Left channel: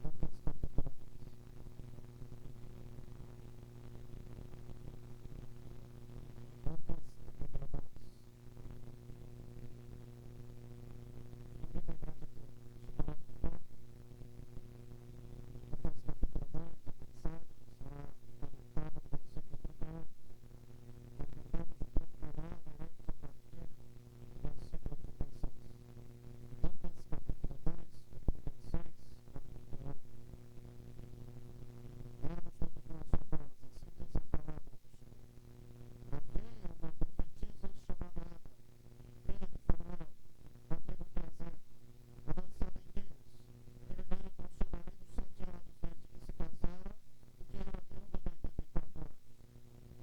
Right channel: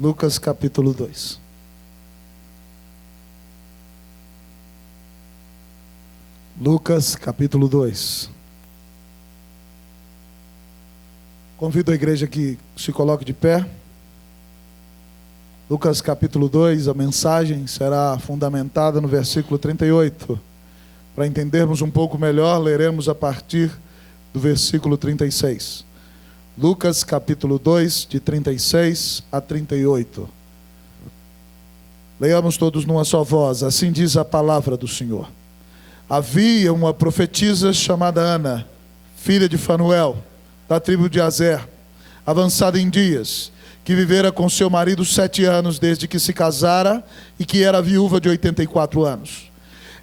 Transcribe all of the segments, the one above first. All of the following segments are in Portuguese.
Lucas capítulo 2. Lucas capítulo 2. Convido a igreja que se coloque de pé. Lucas capítulo 2, a mensagem será fundamentada no versículo 38. Para entendermos um pouco melhor, leremos a partir do versículo 36. Lucas capítulo 2, de 36 a 38. Leiamos todos numa só voz. Assim diz a palavra do Senhor. Havia uma profetisa chamada Ana, filha de Fanuel, da tribo de Aser, avançada em dias, que vivera com seu marido 7 anos desde que se casara e que era viúva de 84 anos.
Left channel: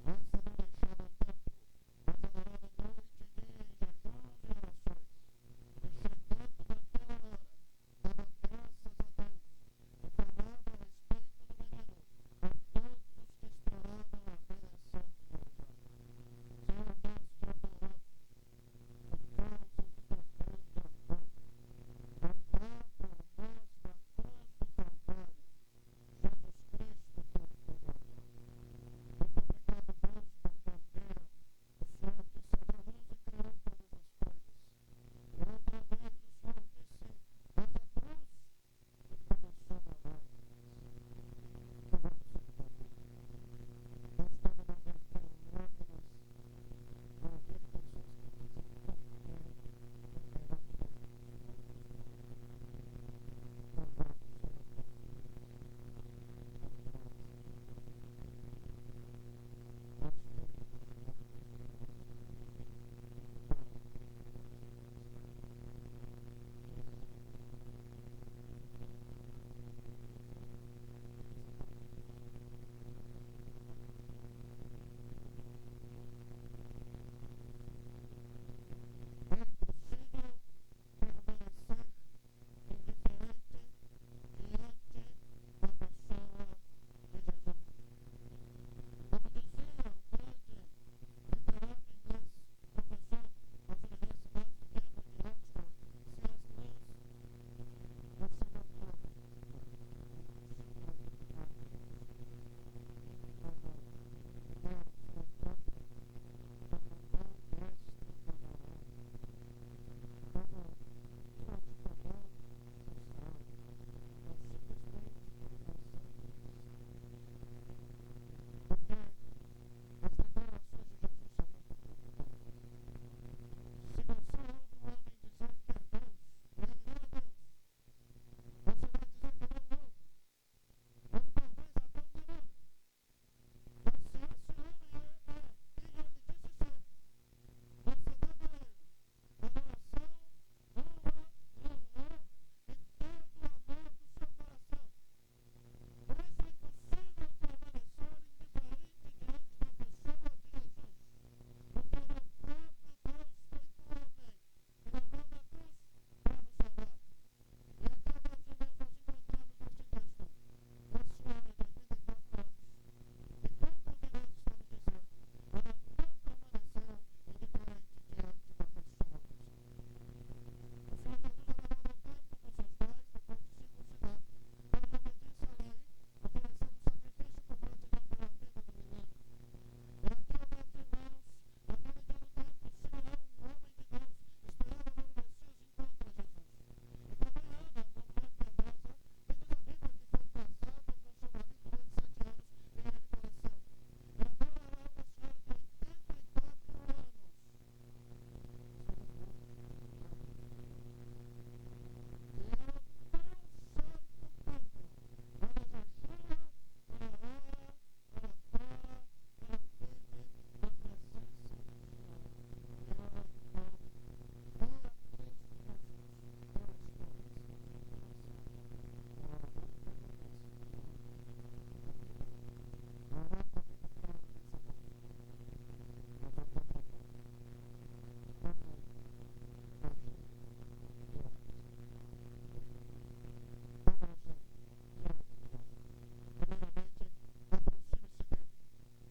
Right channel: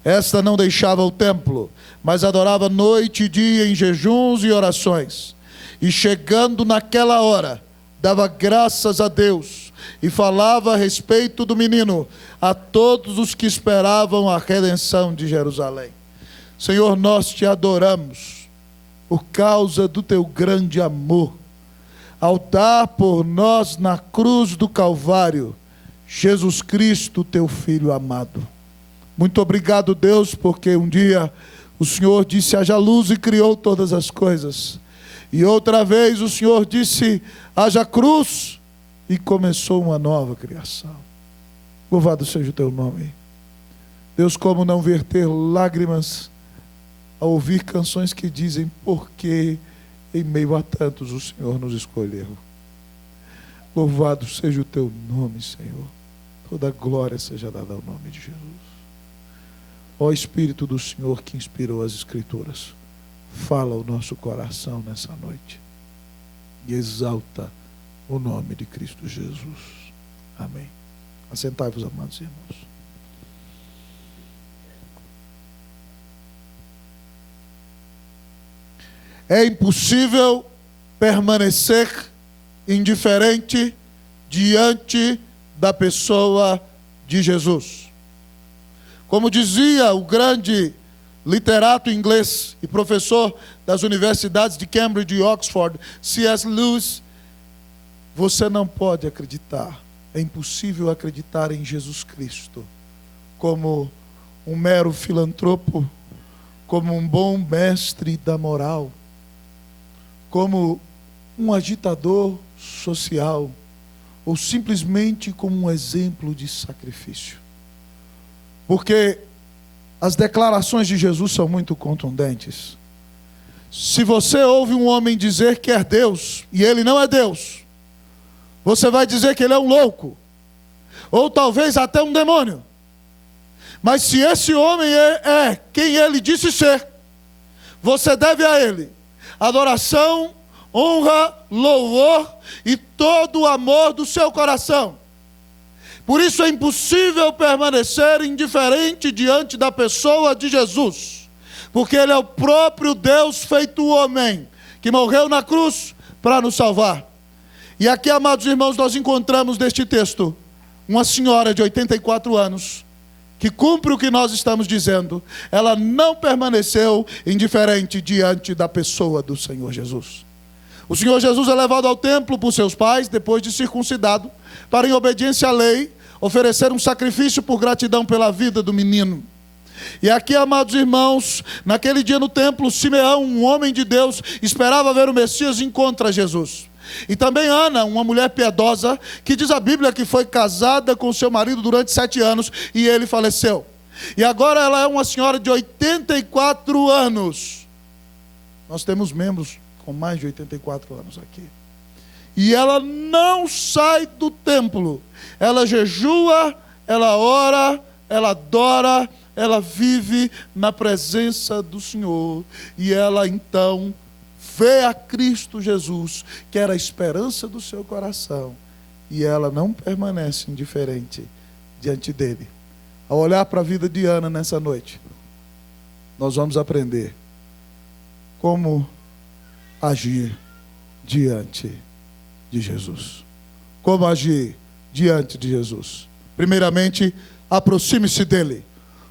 Esta não deixava o templo, mas adorava noite e dia em jejuns e orações. E chegando naquela hora, dava graças a Deus e falava a respeito do menino a todos os que esperavam a redenção de Jerusalém. Senhor, nós te adoramos por causa do teu grande amor, ao dar por nós na cruz do Calvário, Jesus Cristo, teu Filho amado. Muito obrigado, Deus, porque um dia o Senhor disse: haja luz, e criou todas as coisas. E outra vez o Senhor disse: haja cruz, e começou uma nova criação. Louvado seja o teu nome. Deus, como não verter lágrimas ao ouvir canções que dizem: porque em meio a tantos o Senhor nos escolheu. Louvado seja o teu nome, Senhor. Toda glória seja dada ao nome de Jesus. Ó Espírito do Senhor que inspirou as Escrituras, fala ao nosso coração nessa noite e exalta o nome de Cristo Jesus. Amém. Assentai-vos, amados irmãos. É impossível permanecer indiferente diante da pessoa de Jesus. Como dizia o grande literato inglês e professor das universidades de Cambridge e Oxford, C.S. Lewis, você não pode acreditar, é impossível acreditar em Jesus Cristo como um mero filantropo, como um bom mestre da moral, como um agitador social, ou simplesmente como um exemplo de sacrifício. Porque as declarações de Jesus são muito contundentes. Se você ouve um homem dizer que é Deus, e ele não é Deus, você vai dizer que ele é um louco, ou talvez até um demônio. Mas se esse homem é quem ele disse ser, você deve a ele adoração, honra, louvor e todo o amor do seu coração. Por isso é impossível permanecer indiferente diante da pessoa de Jesus, porque ele é o próprio Deus feito homem, que morreu na cruz para nos salvar. E aqui, amados irmãos, nós encontramos neste texto uma senhora de 84 anos, que cumpre o que nós estamos dizendo. Ela não permaneceu indiferente diante da pessoa do Senhor Jesus. O Senhor Jesus é levado ao templo por seus pais, depois de circuncidado, para, em obediência à lei, oferecer um sacrifício por gratidão pela vida do menino. E aqui, amados irmãos, naquele dia no templo, Simeão, um homem de Deus, esperava ver o Messias e encontra Jesus. E também Ana, uma mulher piedosa, que diz a Bíblia que foi casada com seu marido durante 7 anos e ele faleceu. E agora ela é uma senhora de 84 anos. Nós temos membros com mais de 84 anos aqui. E ela não sai do templo. Ela jejua, ela ora, ela adora, ela vive na presença do Senhor. E ela então vê a Cristo Jesus, que era a esperança do seu coração, e ela não permanece indiferente diante dele. Ao olhar para a vida de Ana nessa noite, nós vamos aprender como agir diante de Jesus. Como agir diante de Jesus? Primeiramente, aproxime-se dele.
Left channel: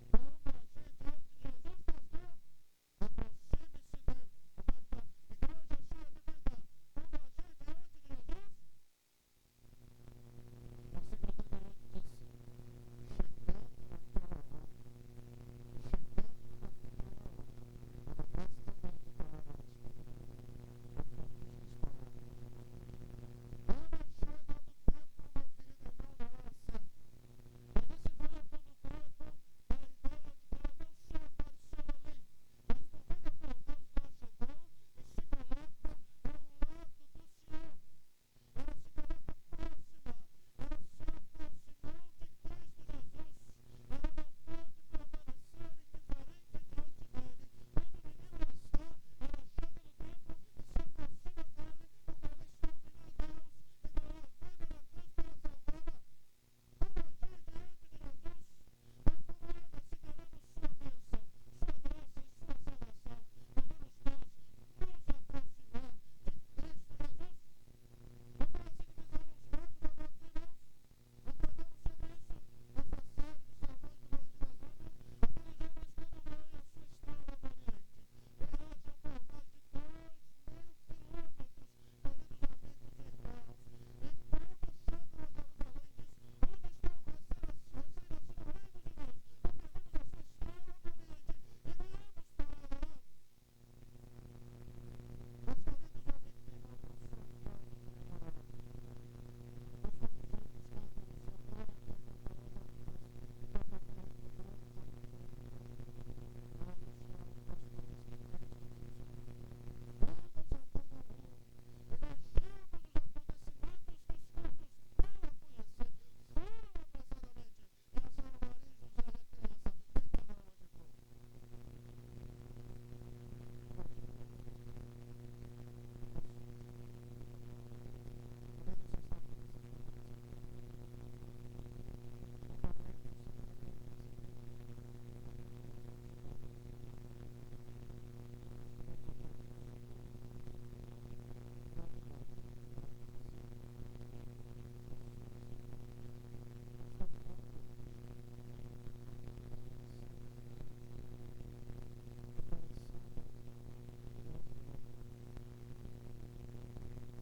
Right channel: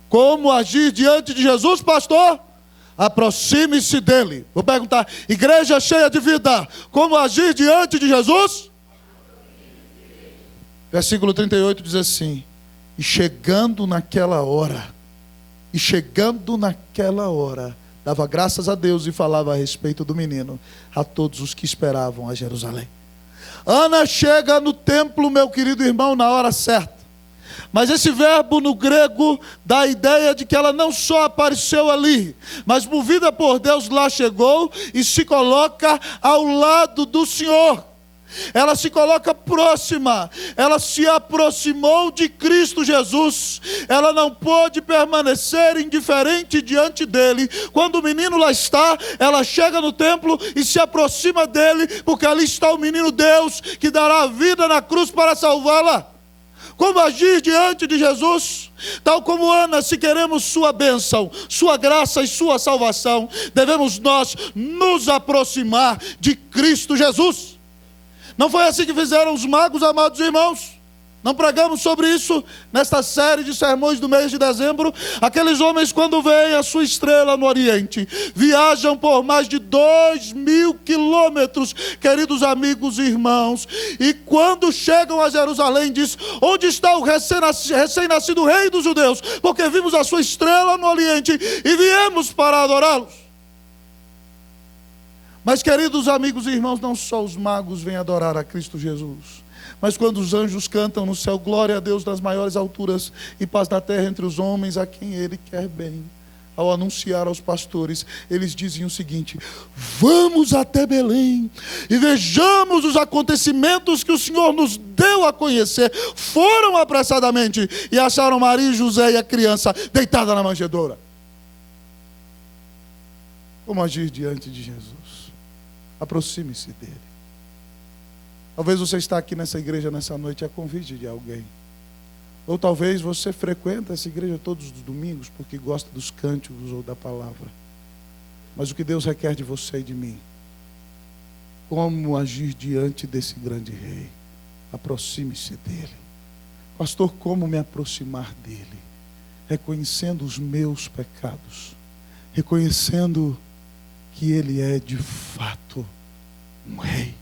Como agir diante de Jesus, pastor? Aproxime-se dele. Vou perguntar: igreja cheia de vida, como agir diante de Jesus? Versículo 38 diz assim: e chegando naquela hora, dava graças a Deus e falava a respeito do menino a todos os que esperavam a Jerusalém. Ana chega no templo, meu querido irmão, na hora certa. Mas esse verbo no grego dá a ideia de que ela não só apareceu ali, mas movida por Deus lá chegou e se coloca ao lado do Senhor. Ela se coloca próxima, ela se aproximou de Cristo Jesus. Ela não pôde permanecer indiferente diante dele. Quando o menino lá está, ela chega no templo e se aproxima dele, porque ali está o menino Deus, que dará a vida na cruz para salvá-la. Como agir diante de Jesus? Tal como Ana, se queremos sua bênção, sua graça e sua salvação, devemos nós nos aproximar de Cristo Jesus. Não foi assim que fizeram os magos, amados irmãos? Não pregamos sobre isso nesta série de sermões do mês de dezembro? Aqueles homens, quando veem a sua estrela no Oriente, viajam por mais de 2.000 quilômetros, queridos amigos e irmãos, e quando chegam a Jerusalém, diz: onde está o recém-nascido rei dos judeus? Porque vimos a sua estrela no Oriente e viemos para adorá-los. Mas, queridos amigos e irmãos, não só os magos vêm adorar a Cristo Jesus, mas quando os anjos cantam no céu, glória a Deus nas maiores alturas e paz na terra entre os homens a quem Ele quer bem, ao anunciar aos pastores, eles dizem o seguinte: vamos até Belém e vejamos os acontecimentos que o Senhor nos deu a conhecer. Foram apressadamente e acharam Maria, José e a criança deitada na manjedoura. Como agir diante de Jesus? Aproxime-se dele. Talvez você está aqui nessa igreja nessa noite a convite de alguém. Ou talvez você frequenta essa igreja todos os domingos porque gosta dos cânticos ou da palavra. Mas o que Deus requer de você e de mim? Como agir diante desse grande rei? Aproxime-se dele. Pastor, como me aproximar dele? Reconhecendo os meus pecados. Reconhecendo que ele é de fato um rei.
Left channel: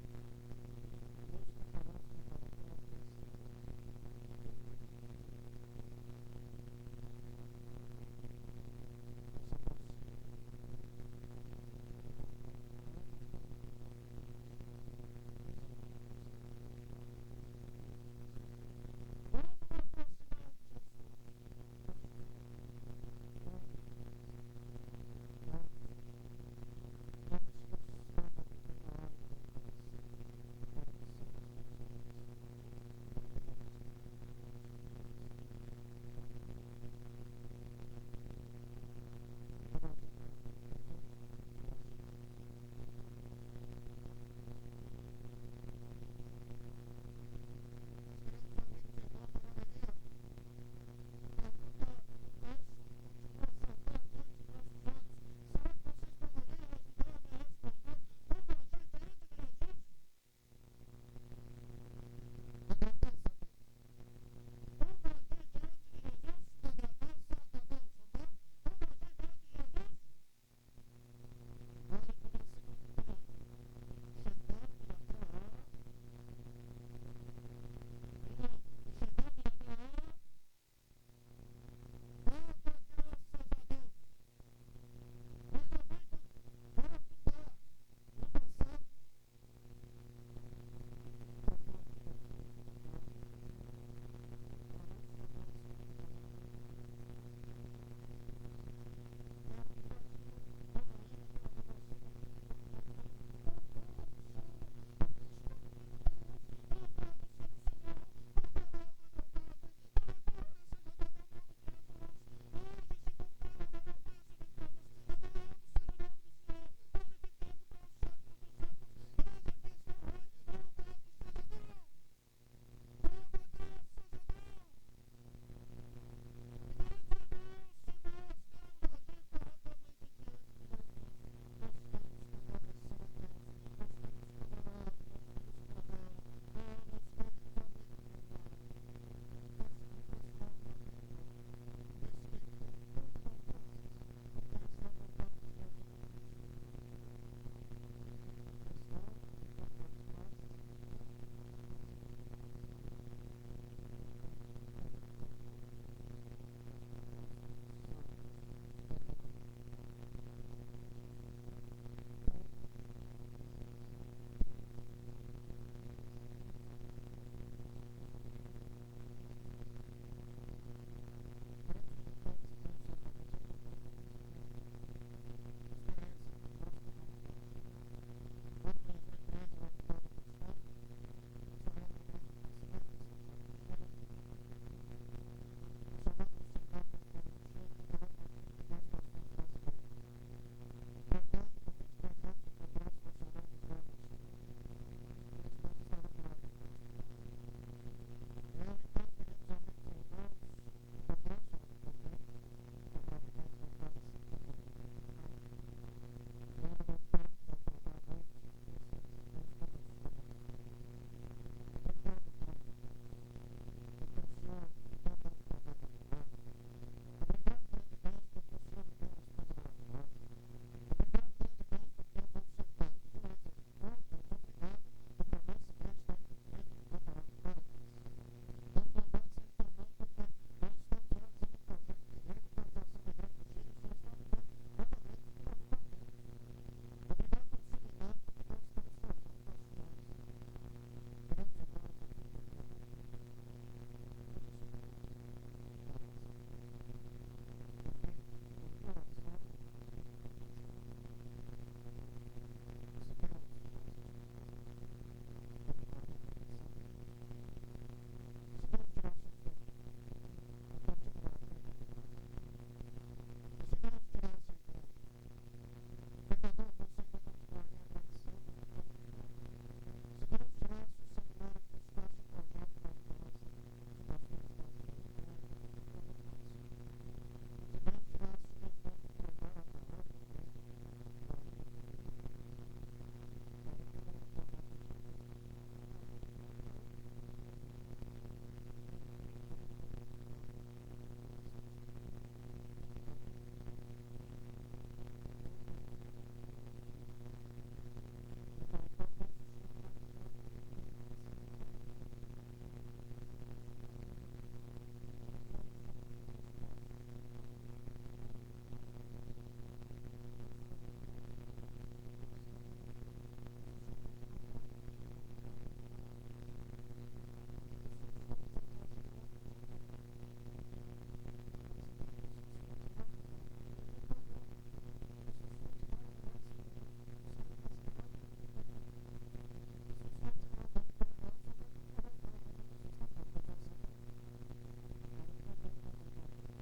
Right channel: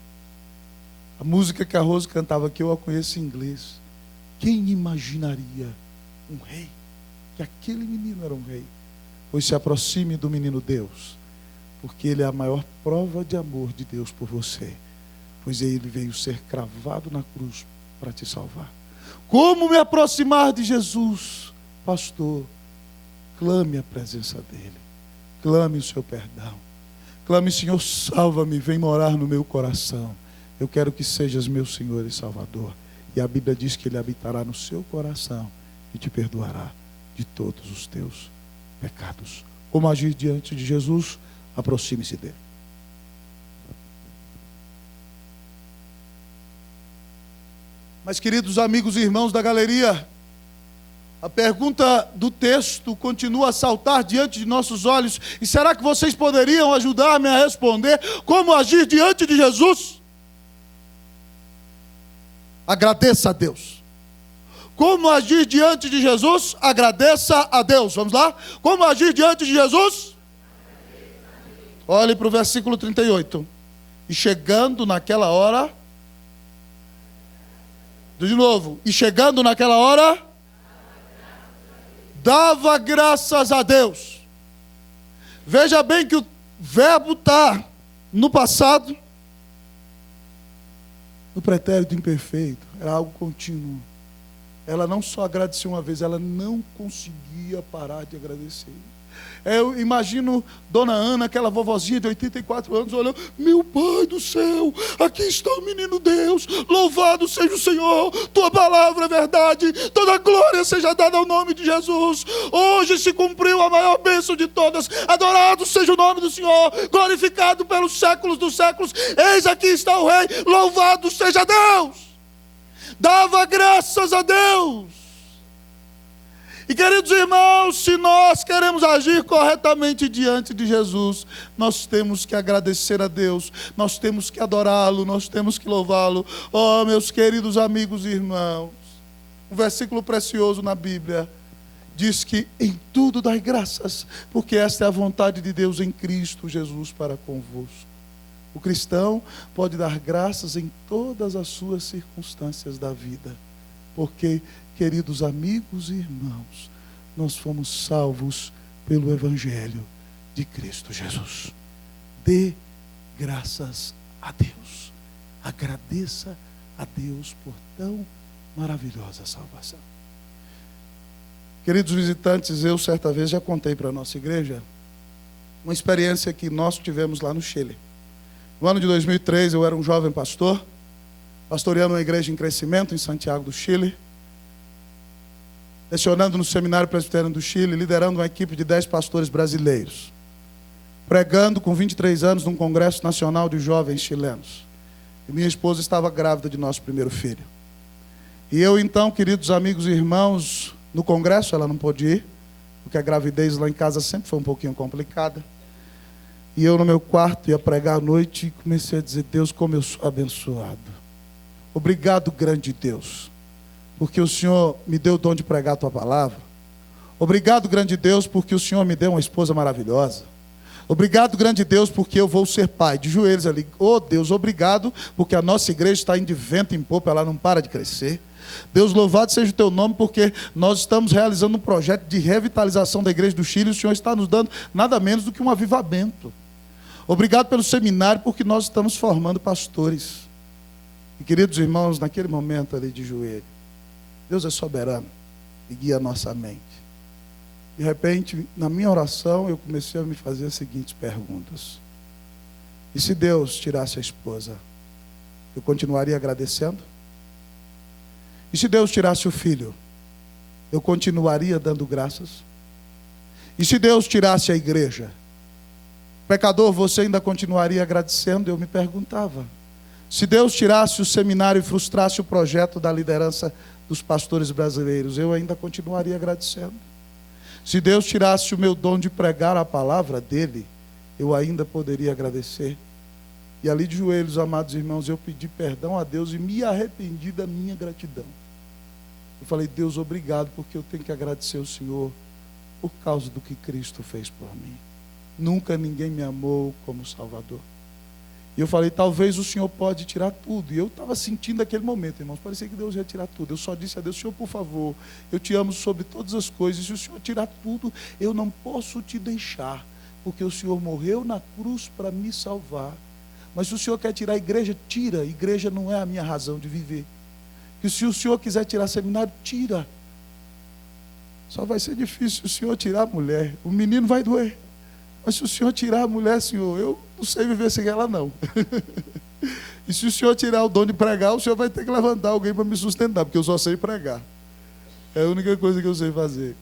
A música que a Rose cantava aqui, eu a conheço em inglês. Quem imaginaria um rei? Que aquele menino era um rei. Pois se aproxime do menino Deus, porque ele é a maior prova de amor de Deus por você. Pois ele veio ser cravado na cruz para te salvar. Como me aproximar de Jesus? Pastor, clame a presença dele. Clame o seu perdão. Clame: Senhor, salva-me, vem morar no meu coração. Eu quero que sejas meu Senhor e Salvador. E a Bíblia diz que Ele habitará no seu coração e te perdoará de todos os teus pecados. Como agir diante de Jesus? Aproxime-se dele. Mas, queridos amigos e irmãos da galeria, a pergunta do texto continua a saltar diante de nossos olhos. E será que vocês poderiam ajudar-me a responder? Como agir diante de Jesus? Agradeça a Deus. Como agir diante de Jesus? Agradeça a Deus. Vamos lá? Como agir diante de Jesus? Olhe para o versículo 38. E chegando naquela hora... De novo. E chegando naquela hora... dava graças a Deus. Veja bem que o verbo está no passado, no pretérito imperfeito, era algo contínuo. Ela não só agradeceu uma vez, ela não conseguia parar de agradecer. Eu imagino Dona Ana, aquela vovozinha de 84 anos, olhando: meu Pai do céu, aqui está o menino Deus, louvado seja o Senhor, tua palavra é verdade, toda glória seja dada ao nome de Jesus. Hoje se cumpriu a maior bênção de todas, adorado seja o nome do Senhor, glorificado pelos séculos dos séculos. Eis aqui está o Rei, louvado seja Deus. Dava graças a Deus. E, queridos irmãos, se nós queremos agir corretamente diante de Jesus, nós temos que agradecer a Deus, nós temos que adorá-lo, nós temos que louvá-lo. Oh, meus queridos amigos e irmãos, um versículo precioso na Bíblia diz que em tudo dai graças, porque esta é a vontade de Deus em Cristo Jesus para convosco. O cristão pode dar graças em todas as suas circunstâncias da vida. porque, queridos amigos e irmãos, nós fomos salvos pelo Evangelho de Cristo Jesus. Dê graças a Deus. Agradeça a Deus por tão maravilhosa salvação. Queridos visitantes, eu certa vez já contei para a nossa igreja uma experiência que nós tivemos lá no Chile. No ano de 2003, eu era um jovem pastor, pastoreando uma igreja em crescimento em Santiago do Chile, lecionando no Seminário Presbiteriano do Chile, liderando uma equipe de 10 pastores brasileiros, pregando com 23 anos num congresso nacional de jovens chilenos. E minha esposa estava grávida de nosso primeiro filho. E eu então, queridos amigos e irmãos, no congresso ela não pôde ir, porque a gravidez lá em casa sempre foi um pouquinho complicada. E eu no meu quarto ia pregar à noite e comecei a dizer: Deus, como eu sou abençoado. Obrigado, grande Deus, porque o Senhor me deu o dom de pregar a tua palavra. Obrigado, grande Deus, porque o Senhor me deu uma esposa maravilhosa. Obrigado, grande Deus, porque eu vou ser pai. De joelhos ali: oh Deus, obrigado, porque a nossa igreja está indo de vento em popa, ela não para de crescer. Deus, louvado seja o teu nome, porque nós estamos realizando um projeto de revitalização da igreja do Chile, e o Senhor está nos dando nada menos do que um avivamento. Obrigado pelo seminário, porque nós estamos formando pastores. E queridos irmãos, naquele momento ali de joelho, Deus é soberano e guia a nossa mente. De repente, na minha oração, eu comecei a me fazer as seguintes perguntas: e se Deus tirasse a esposa, eu continuaria agradecendo? E se Deus tirasse o filho, eu continuaria dando graças? E se Deus tirasse a igreja, pecador, você ainda continuaria agradecendo? Eu me perguntava. Se Deus tirasse o seminário e frustrasse o projeto da liderança dos pastores brasileiros, eu ainda continuaria agradecendo. Se Deus tirasse o meu dom de pregar a palavra dele, eu ainda poderia agradecer. E ali de joelhos, amados irmãos, eu pedi perdão a Deus e me arrependi da minha gratidão. Eu falei: Deus, obrigado, porque eu tenho que agradecer ao Senhor por causa do que Cristo fez por mim. Nunca ninguém me amou como Salvador. E eu falei: talvez o Senhor pode tirar tudo. E eu estava sentindo aquele momento, irmãos, parecia que Deus ia tirar tudo. Eu só disse a Deus: Senhor, por favor, eu te amo sobre todas as coisas. Se o Senhor tirar tudo, eu não posso te deixar, porque o Senhor morreu na cruz para me salvar. Mas se o Senhor quer tirar a igreja, tira. A igreja não é a minha razão de viver. E se o Senhor quiser tirar seminário, tira. Só vai ser difícil se o Senhor tirar a mulher. O menino vai doer. Mas se o Senhor tirar a mulher, Senhor, eu não sei viver sem ela, não. E se o Senhor tirar o dom de pregar, o Senhor vai ter que levantar alguém para me sustentar, porque eu só sei pregar. É a única coisa que eu sei fazer.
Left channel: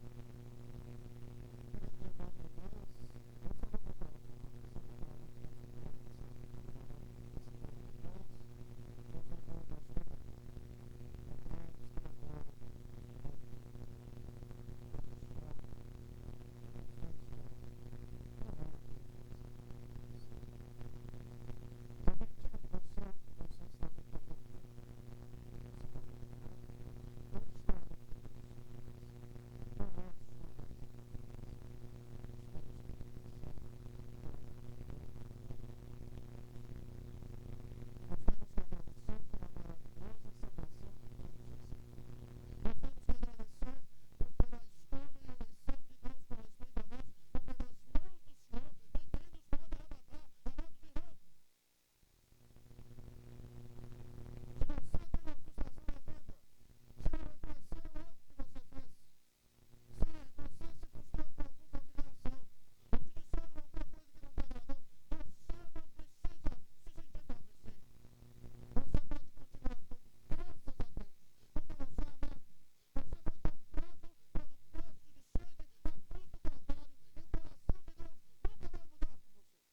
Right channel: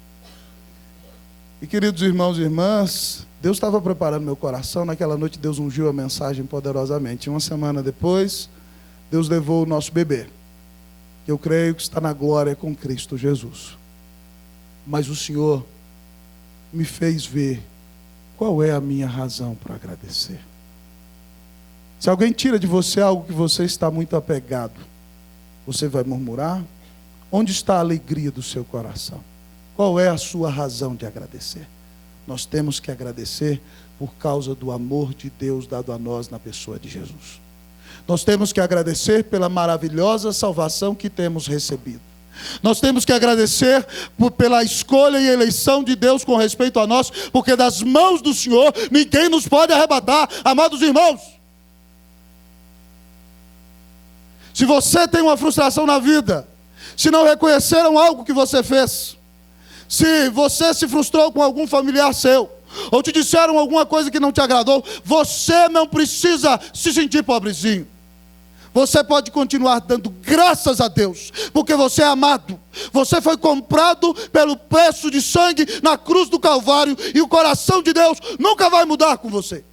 E queridos irmãos e irmãs, Deus estava preparando meu coração. Naquela noite Deus ungiu a mensagem poderosamente. Uma semana depois, Deus levou o nosso bebê, que eu creio que está na glória com Cristo Jesus. Mas o Senhor me fez ver qual é a minha razão para agradecer. Se alguém tira de você algo que você está muito apegado, você vai murmurar? Onde está a alegria do seu coração? Qual é a sua razão de agradecer? Nós temos que agradecer por causa do amor de Deus dado a nós na pessoa de Jesus. Nós temos que agradecer pela maravilhosa salvação que temos recebido. Nós temos que agradecer pela escolha e eleição de Deus com respeito a nós, porque das mãos do Senhor ninguém nos pode arrebatar, amados irmãos. Se você tem uma frustração na vida, se não reconheceram algo que você fez, se você se frustrou com algum familiar seu, ou te disseram alguma coisa que não te agradou, você não precisa se sentir pobrezinho. Você pode continuar dando graças a Deus, porque você é amado. Você foi comprado pelo preço de sangue na cruz do Calvário, e o coração de Deus nunca vai mudar com você.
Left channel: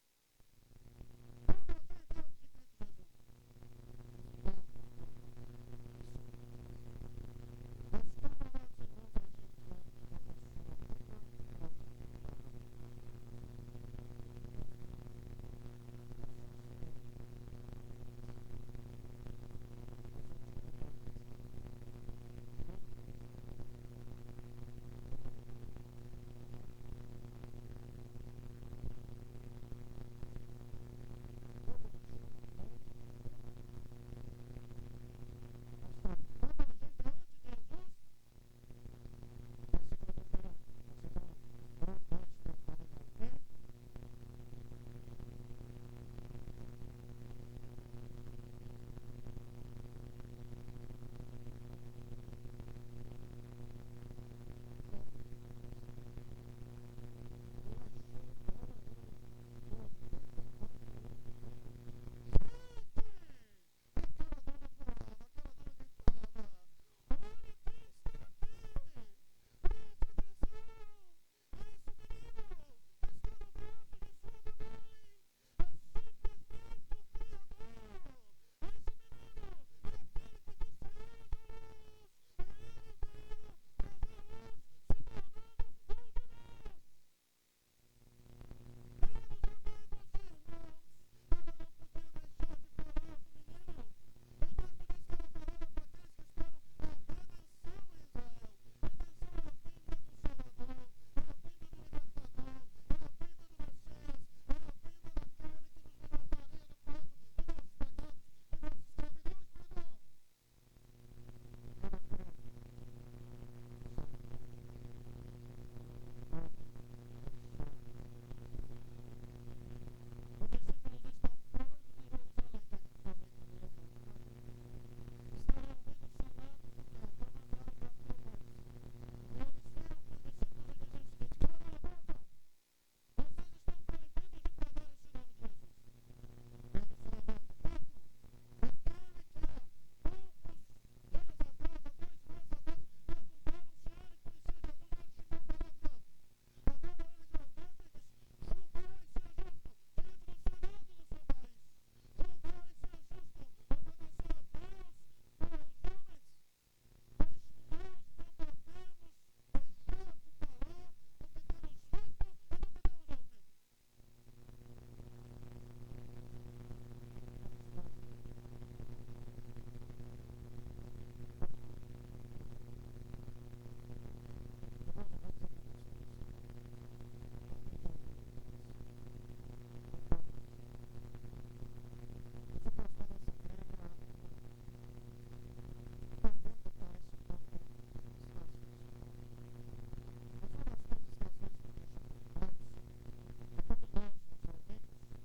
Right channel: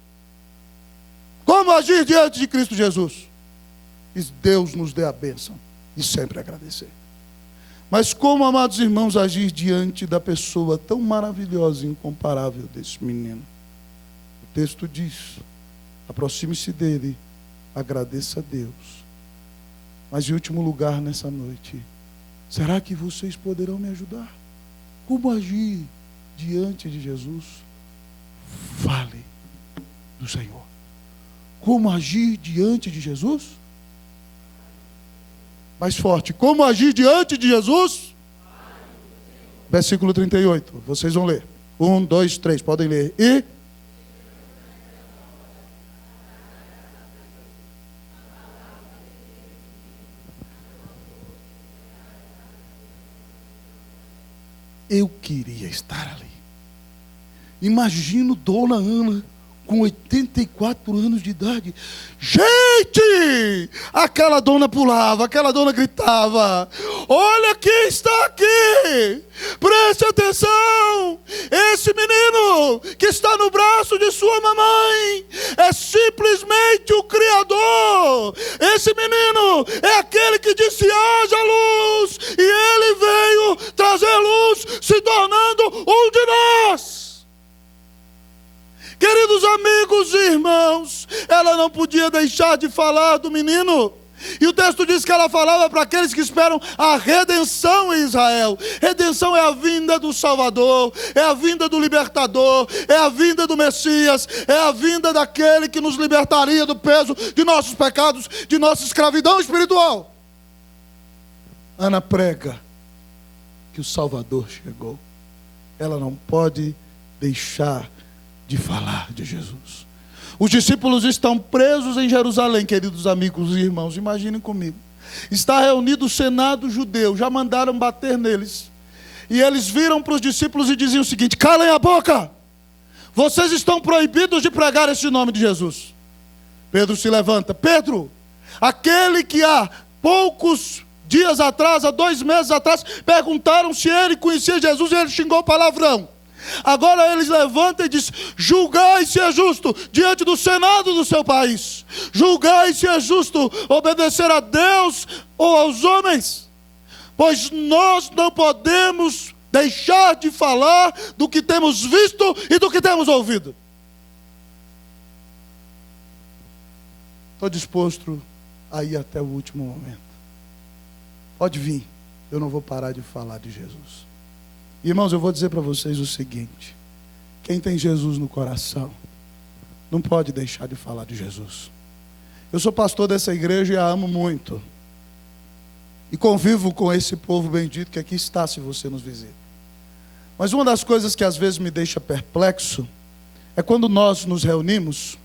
Como agir diante de Cristo Jesus? Que Deus nos dê a bênção e sempre agradecer. Mas como, amados irmãos, agir diante da pessoa tão maravilhosa e incomparável desse menino? O texto diz: aproxime-se dele, agradeça a Deus. Mas em último lugar, nessa noite, será que vocês poderão me ajudar? Como agir diante de Jesus? Fale do Senhor. Como agir diante de Jesus? Mais forte. Como agir diante de Jesus? Versículo 38. Vocês vão ler. 1, 2, 3. Podem ler. E... eu queria estar ali. Imagino Dona Ana com 84 anos de idade. Gente! Aquela dona pulava, aquela dona gritava: olha quem está aqui! Preste atenção! Esse menino que está no braço de sua mamãe é simplesmente o Criador. Esse menino é aquele que disse: haja luz, e ele veio trazer luz, se tornando um de nós. Queridos amigos e irmãos, ela não podia deixar de falar do menino. E o texto diz que ela falava para aqueles que esperam a redenção em Israel. Redenção é a vinda do Salvador, é a vinda do Libertador, é a vinda do Messias, é a vinda daquele que nos libertaria do peso de nossos pecados, de nossa escravidão espiritual. Ana prega que o Salvador chegou. Ela não pode deixar de falar de Jesus. Os discípulos estão presos em Jerusalém, queridos amigos e irmãos, imaginem comigo. Está reunido o Senado judeu, já mandaram bater neles. E eles viram para os discípulos e diziam o seguinte: calem a boca, vocês estão proibidos de pregar esse nome de Jesus. Pedro se levanta: Pedro, aquele que há poucos dias atrás, há 2 meses atrás, perguntaram se ele conhecia Jesus e ele xingou palavrão. Agora eles levantam e dizem: julgai se é justo diante do Senado do seu país. Julgai se é justo obedecer a Deus ou aos homens. Pois nós não podemos deixar de falar do que temos visto e do que temos ouvido. Estou disposto a ir até o último momento. Pode vir, eu não vou parar de falar de Jesus. Irmãos, eu vou dizer para vocês o seguinte: quem tem Jesus no coração não pode deixar de falar de Jesus. Eu sou pastor dessa igreja e a amo muito, e convivo com esse povo bendito que aqui está, se você nos visita. Mas uma das coisas que às vezes me deixa perplexo é quando nós nos reunimos,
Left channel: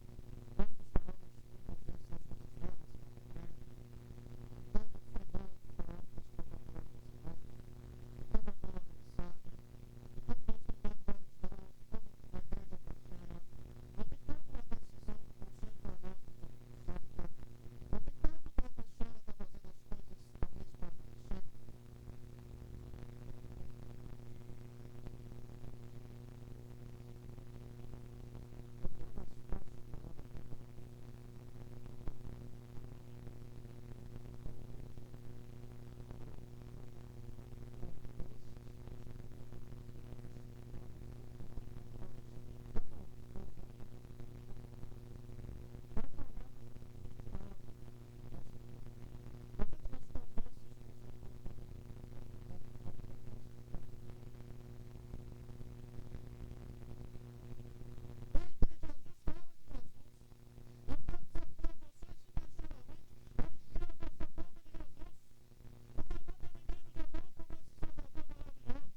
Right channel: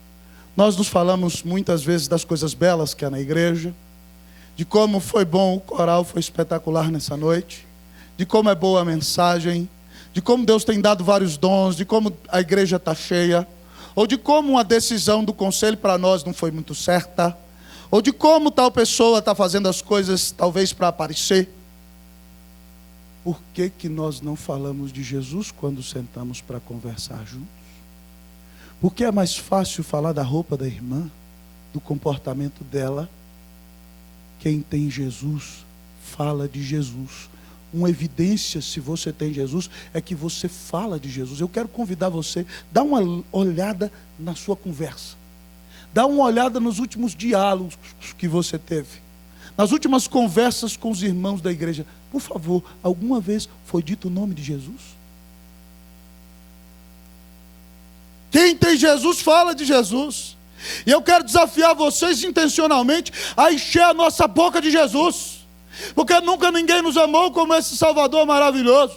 nós nos falamos muitas vezes das coisas belas que há na igreja, de como foi bom o coral, foi espetacular nessa noite, de como é boa a mensagem, de como Deus tem dado vários dons, de como a igreja está cheia, ou de como uma decisão do conselho para nós não foi muito certa, ou de como tal pessoa está fazendo as coisas talvez para aparecer. Por que que nós não falamos de Jesus quando sentamos para conversar juntos? Porque é mais fácil falar da roupa da irmã, do comportamento dela. Quem tem Jesus, fala de Jesus. Uma evidência, se você tem Jesus, é que você fala de Jesus. Eu quero convidar você, dá uma olhada na sua conversa. Dá uma olhada nos últimos diálogos que você teve. Nas últimas conversas com os irmãos da igreja. Por favor, alguma vez foi dito o nome de Jesus? Quem tem Jesus, fala de Jesus. E eu quero desafiar vocês intencionalmente a encher a nossa boca de Jesus. Porque nunca ninguém nos amou como esse Salvador maravilhoso.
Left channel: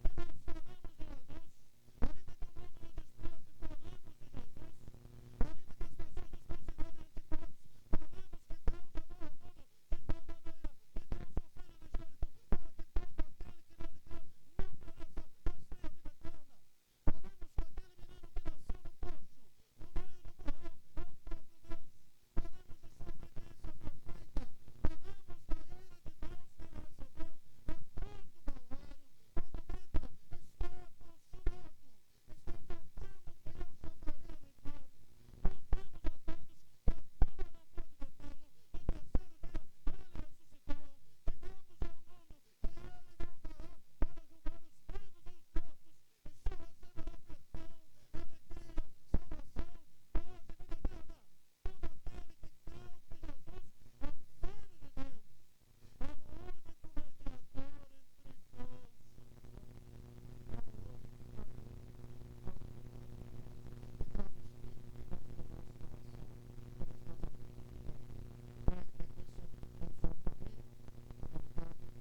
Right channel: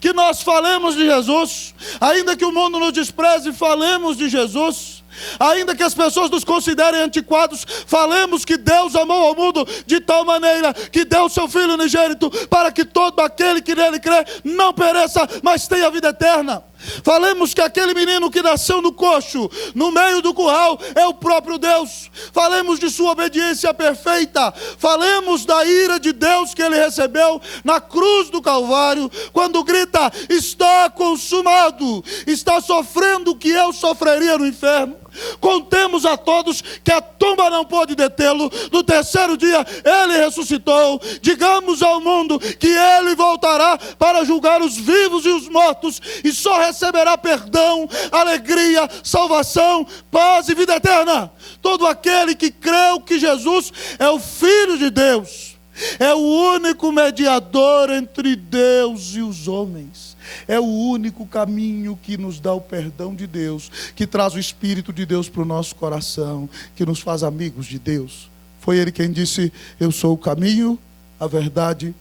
Que nós falemos de Jesus, ainda que o mundo nos despreze, falemos de Jesus. Ainda que as pessoas nos considerem antiquados, falemos que Deus amou ao mundo de tal maneira que deu o seu Filho unigênito, para que todo aquele que nele crê não pereça, mas tenha vida eterna. Falemos que aquele menino que nasceu no coxo, no meio do curral, é o próprio Deus. Falemos de sua obediência perfeita. Falemos da ira de Deus que ele recebeu na cruz do Calvário, quando grita: está consumado. Está sofrendo o que eu sofreria no inferno. Contemos a todos que a tumba não pôde detê-lo. No terceiro dia ele ressuscitou. Digamos ao mundo que ele voltará para julgar os vivos e os mortos, e só receberá perdão, alegria, salvação, paz e vida eterna todo aquele que creu que Jesus é o Filho de Deus, é o único mediador entre Deus e os homens, é o único caminho que nos dá o perdão de Deus, que traz o Espírito de Deus para o nosso coração, que nos faz amigos de Deus. Foi ele quem disse: eu sou o caminho, a verdade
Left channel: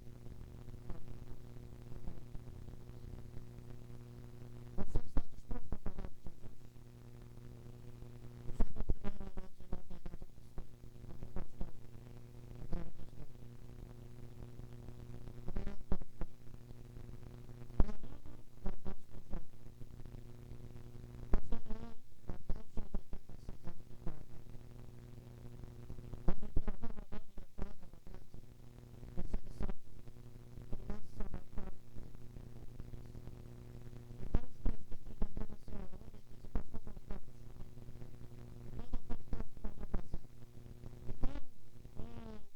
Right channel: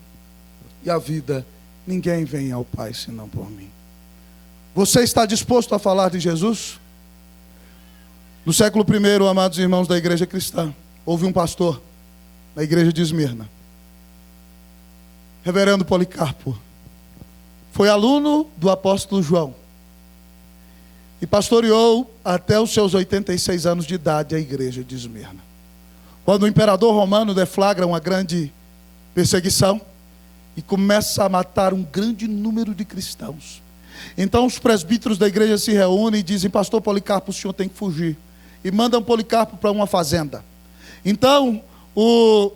e a vida. Ninguém vem ao Pai senão por mim. Você está disposto a falar de Jesus? No século I, amados irmãos da igreja cristã, houve um pastor na igreja de Esmirna, reverendo Policarpo. Foi aluno do apóstolo João e pastoreou até os seus 86 anos de idade a igreja de Esmirna. Quando o imperador romano deflagra uma grande perseguição e começa a matar um grande número de cristãos, então os presbíteros da igreja se reúnem e dizem: pastor Policarpo, o senhor tem que fugir. E mandam Policarpo para uma fazenda. Então o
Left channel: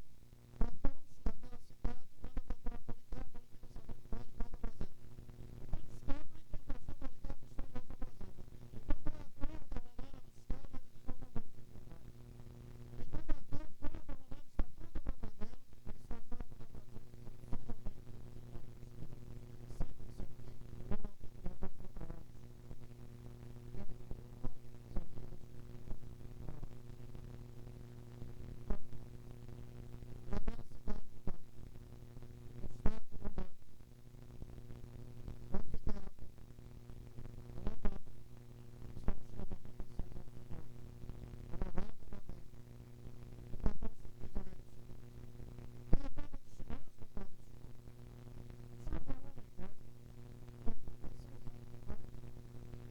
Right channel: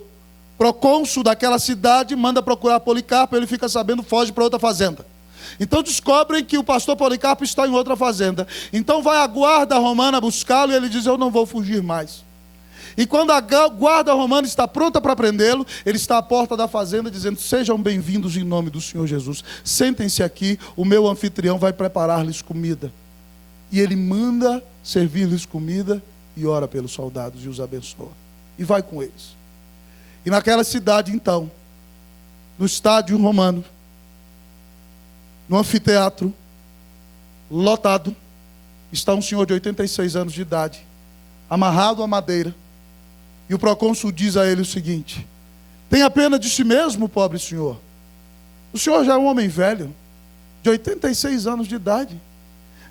procônsul daquela cidade manda procurar Policarpo, ele fica sabendo, foge para outra fazenda. Então descobrem que o pastor Policarpo está em outra fazenda. Então vai a guarda romana buscá-lo e ele diz: eu não vou fugir mais. E quando a guarda romana está pronta para prendê-lo, ele está à porta da fazenda dizendo: sejam bem-vindos em nome do Senhor Jesus. Sentem-se aqui, o meu anfitrião vai preparar-lhes comida. E ele manda servir-lhes comida e ora pelos soldados e os abençoa. E vai com eles. E naquela cidade, então, no estádio romano, no anfiteatro, lotado, está um senhor de 86 anos de idade, amarrado à madeira. E o procônsul diz a ele o seguinte: tenha pena de si mesmo, pobre senhor. O senhor já é um homem velho, de 86 anos de idade.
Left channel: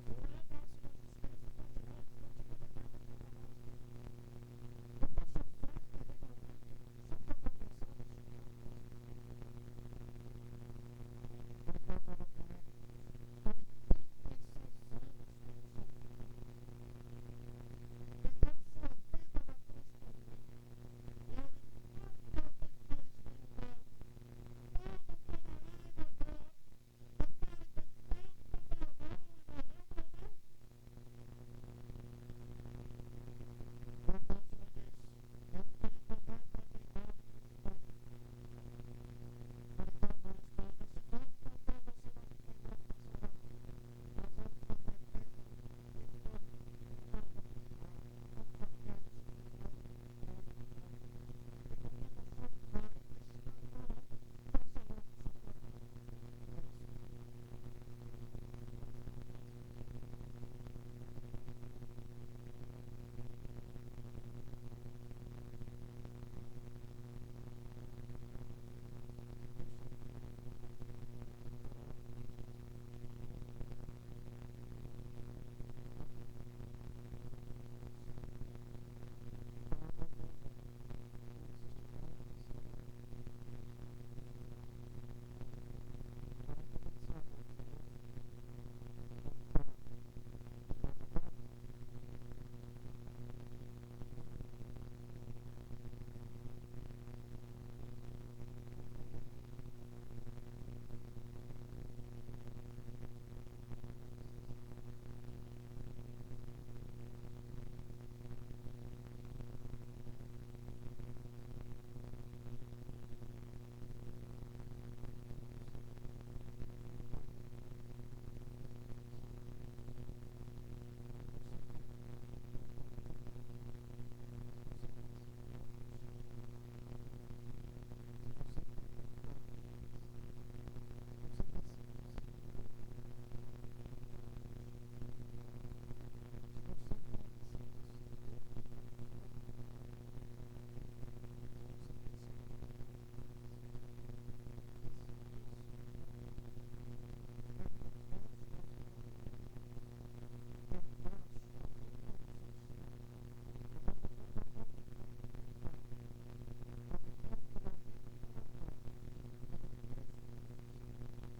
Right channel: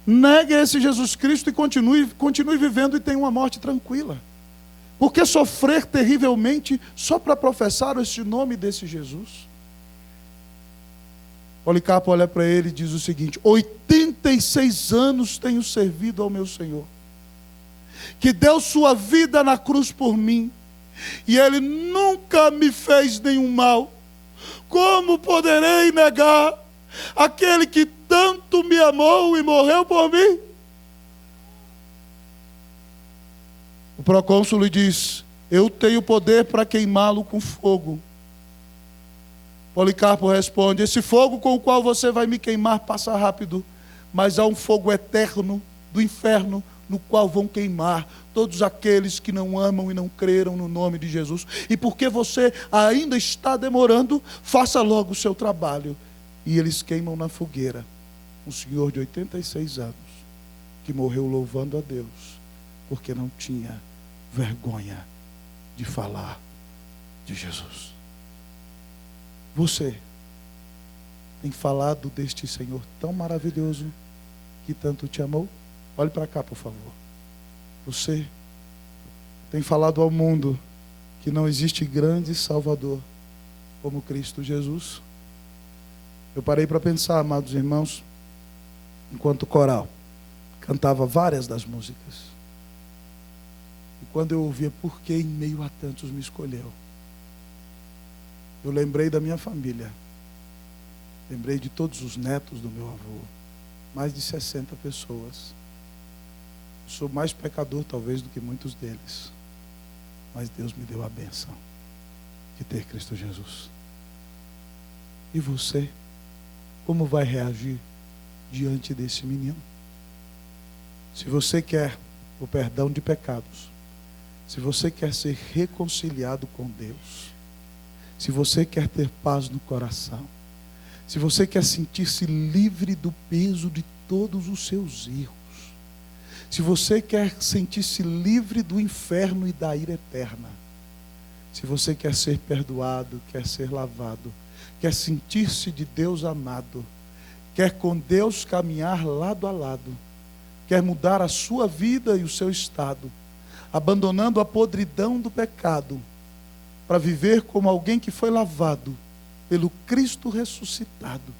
Negue esse Jesus Cristo e continue vivendo e tenha uma morte tranquila. Por que sofrer terrivelmente só para professar este nome desse Jesus? Policarpo olha para ele e diz o seguinte: 86 anos tenho servido ao meu Senhor, que deu sua vida na cruz por mim, e ele nunca me fez nenhum mal. Como poderei negar aquele que tanto me amou e morreu por mim? O procônsul lhe diz: eu tenho poder para queimá-lo com fogo. Policarpo responde: esse fogo com o qual você vai me queimar passa rápido, mas há um fogo eterno do inferno, no qual vão queimar todos aqueles que não amam e não creram no nome de Jesus. E porque você ainda está demorando, faça logo o seu trabalho. E eles queimam na fogueira um senhor de 86 anos, que morreu louvando a Deus, porque não tinha vergonha de falar de Jesus. Você tem falado deste Senhor tão maravilhoso, que tanto te amou? Olhe para cá, por favor. Você tem falado ao mundo que não existe grande Salvador como Cristo Jesus? Eu parei para pensar, amados irmãos, enquanto o coral cantava várias das músicas. E quando eu ouvia por que em meio a tantos me escolheu, eu lembrei da minha família. Lembrei de todos os netos do meu avô. Mais de 60 pessoas. Sou mais pecador talvez do que muitos deles. Mas Deus me deu a bênção de ter Cristo Jesus. E você? Como vai reagir diante desse menino? Se você quer o perdão de pecados, se você quer ser reconciliado com Deus, se você quer ter paz no coração, se você quer sentir-se livre do peso de todos os seus erros, se você quer sentir-se livre do inferno e da ira eterna, se você quer ser perdoado, quer ser lavado, quer sentir-se de Deus amado, quer com Deus caminhar lado a lado, quer mudar a sua vida e o seu estado, abandonando a podridão do pecado, para viver como alguém que foi lavado pelo Cristo ressuscitado,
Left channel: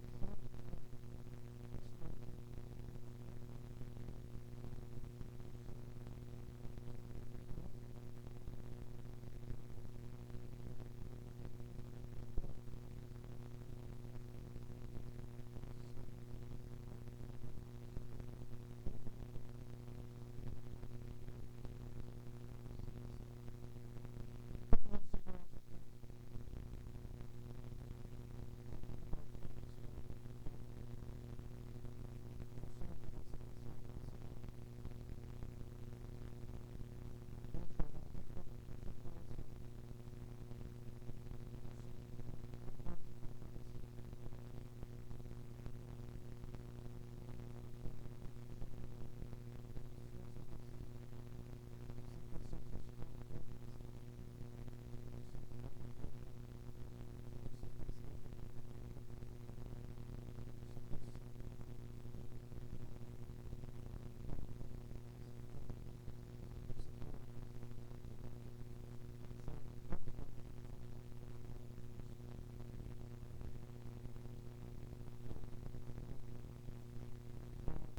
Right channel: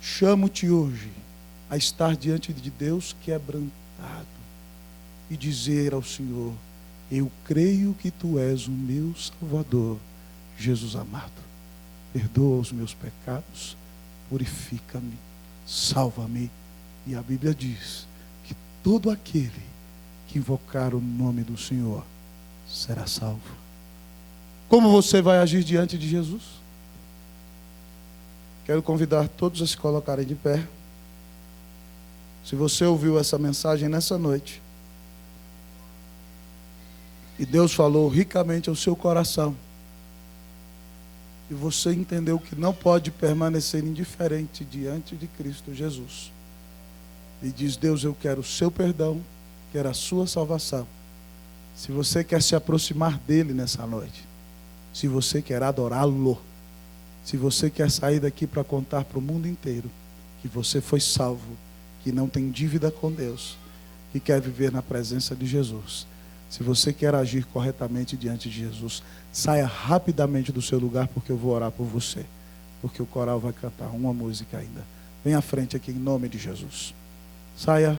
chamo-te hoje a estar diante de Deus quebrantado e dizer ao Senhor: eu creio que tu és o meu Salvador, Jesus amado. Perdoa os meus pecados, purifica-me, salva-me. E a Bíblia diz que todo aquele que invocar o nome do Senhor será salvo. Como você vai agir diante de Jesus? Quero convidar todos a se colocarem de pé. Se você ouviu essa mensagem nessa noite E Deus falou ricamente ao seu coração. E você entendeu que não pode permanecer indiferente diante de Cristo Jesus. E diz: Deus, eu quero o seu perdão, quero a sua salvação. Se você quer se aproximar dele nessa noite, se você quer adorá-lo, se você quer sair daqui para contar para o mundo inteiro que você foi salvo, que não tem dívida com Deus, que quer viver na presença de Jesus, se você quer agir corretamente diante de Jesus, saia rapidamente do seu lugar, porque eu vou orar por você, porque o coral vai cantar uma música ainda. Vem à frente aqui em nome de Jesus. Saia